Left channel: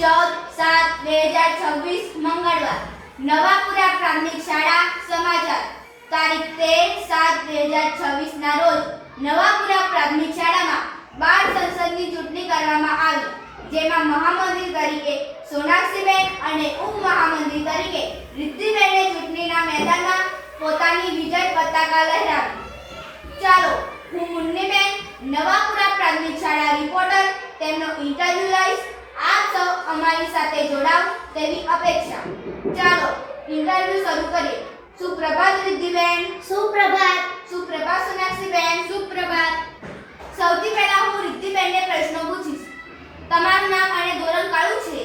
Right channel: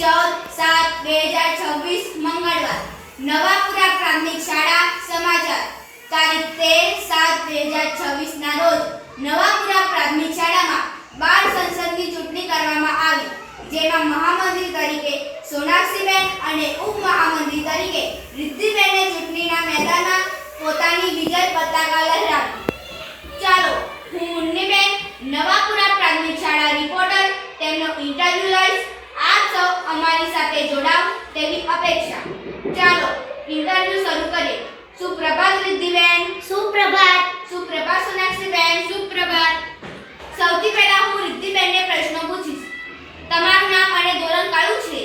14/7/2026 મંગળવાર નવાપુરા પ્રાથમિક શાળા સમાચાર તારીખ 13/7/2026 ના રોજ નવાપુરા પ્રાથમિક શાળામાં બાળ સંસદની ચૂંટણી કરવામાં આવી, જેમાં મહામંત્રી તરીકે સોનાક્ષીબેન અને ઉપમહામંત્રી તરીકે રિદ્ધિબેને ચૂંટણીના મેદાનમાં પોતાની વિજય પતાકા લહેરાવી. ચાલો હું મુન્નીબેન, નવાપુરા પ્રાથમિક શાળા રિપોર્ટર, તેમનો ઇન્ટરવ્યુ લઈશ. આપ સૌ અમારી સાથે જોડાવ તેવી અપેક્ષા. ચાલો ઇન્ટરવ્યુ શરૂ કરીએ. સુપ્રભાત રિદ્ધિબેન. સુપ્રભાત. સુપ્રભાત સોનાક્ષીબેન. સુપ્રભાત. સૌથી પહેલા હું રિદ્ધિબેનને પ્રશ્નો પૂછીશ. તમારું નામ અને ધોરણ કયું છે?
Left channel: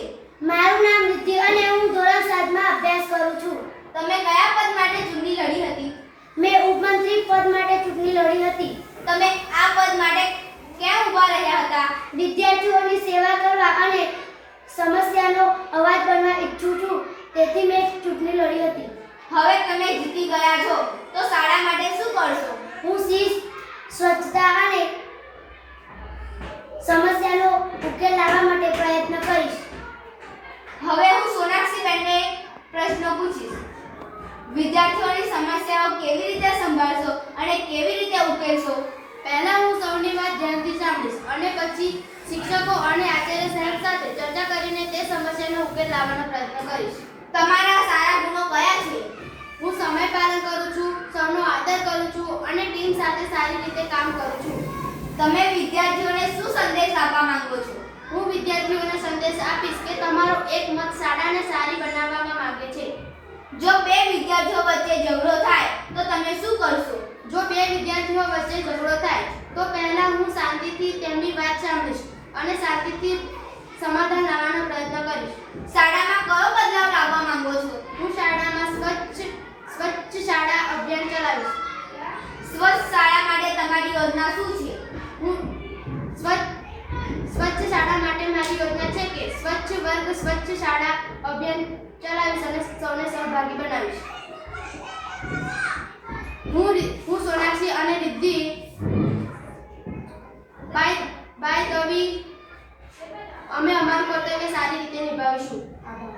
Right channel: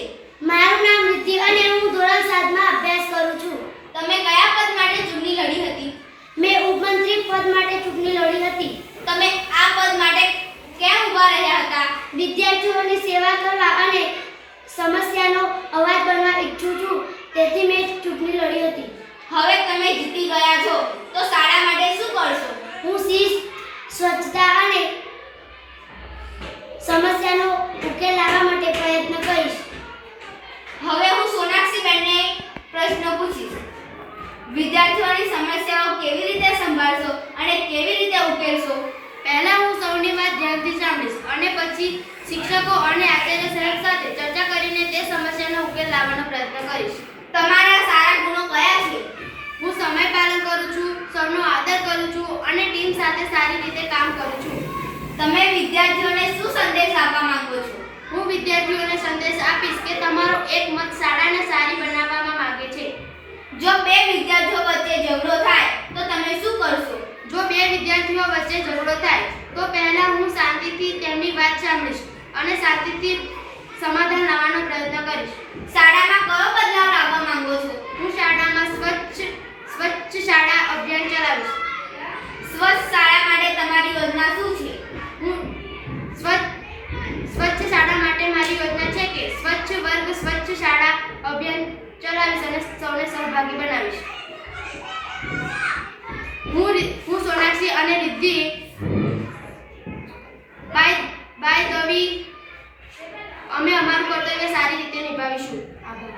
મારું નામ રિદ્ધિ અને હું ધોરણ 7 માં અભ્યાસ કરું છું. તમે કયા પદ માટે ચૂંટણી લડી હતી? મેં ઉપમંત્રી પદ માટે ચૂંટણી લડી હતી. તમે આ પદ માટે કેમ ઊભા રહ્યા હતા? વિદ્યાર્થીઓની સેવા કરવા અને સમસ્યાનો અવાજ બનવા ઈચ્છું છું, તેથી મેં ચૂંટણી લડી હતી. હવે તમે જીતી ગયા છો તો શાળા માટે શું કરશો? હું શિસ્ત, સ્વચ્છતા અને સમસ્યાનો ઉકેલ લાવવા માટે પ્રયત્ન કરીશ. હવે હું સોનાક્ષીબેનને પ્રશ્નો પૂછીશ. વિદ્યાર્થીઓની સમસ્યાઓ કેવી રીતે સંભાળશો અને કેવી રીતે ઉકેલશો? પહેલા હું સૌની વાત ધ્યાનથી સાંભળીશ અને પછી શિક્ષકો અને આચાર્ય સાહેબ સાથે ચર્ચા કરીને તે સમસ્યાનો ઉકેલ લાવવાનો પ્રયત્ન કરીશ. તમારા સારા ગુણો કયા છે? હું સમય પાલન કરું છું, સૌનો આદર કરું છું અને ટીમ સાથે સારી રીતે કામ કરું છું. તમે વિદ્યાર્થીઓને શું સંદેશ આપવા માંગો છો? હું વિદ્યાર્થીઓને સંદેશ આપીશ કે તમારો એક મત શાળાને સારી બનાવવામાં માંગે છે. જો બે વિદ્યાર્થીઓ વચ્ચે ઝઘડો થાય તો તમે શું કરશો? જો બે વિદ્યાર્થીઓ વચ્ચે ઝઘડો થાય તો પહેલા હું શાંતિથી તેમની વાત સાંભળીશ અને શાંતિથી સમાધાન લાવવાનો પ્રયત્ન કરીશ. શાળામાં કયો બદલાવ લાવવા માંગો છો? હું શાળામાં સ્વચ્છ શાળા અભિયાન ચલાવીશ. સ્વચ્છ શાળા માટે તમારી યોજના શું છે? હું સ્વચ્છ શાળા માટે મારી યોજના છે કે સ્વચ્છ વર્ગ સ્વચ્છ શાળા અભિયાન ચલાવીશ અને સૌને સહભાગી બનાવીશ. હું સોનાક્ષી અને રિદ્ધિ બાય ધ વે અમે અમારું કર્તવ્ય સારી રીતે નિભાવીશું. આભાર.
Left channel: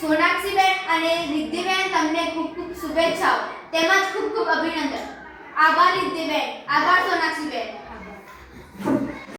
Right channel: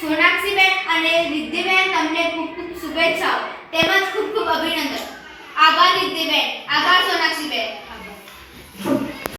સોનાક્ષીબેન અને રિદ્ધિબેન, તમને ખૂબ ખૂબ શુભેચ્છાઓ તેમજ ખૂબ ખૂબ અભિનંદન. આભાર રિદ્ધિબેન. આભાર સોનાક્ષીબેન.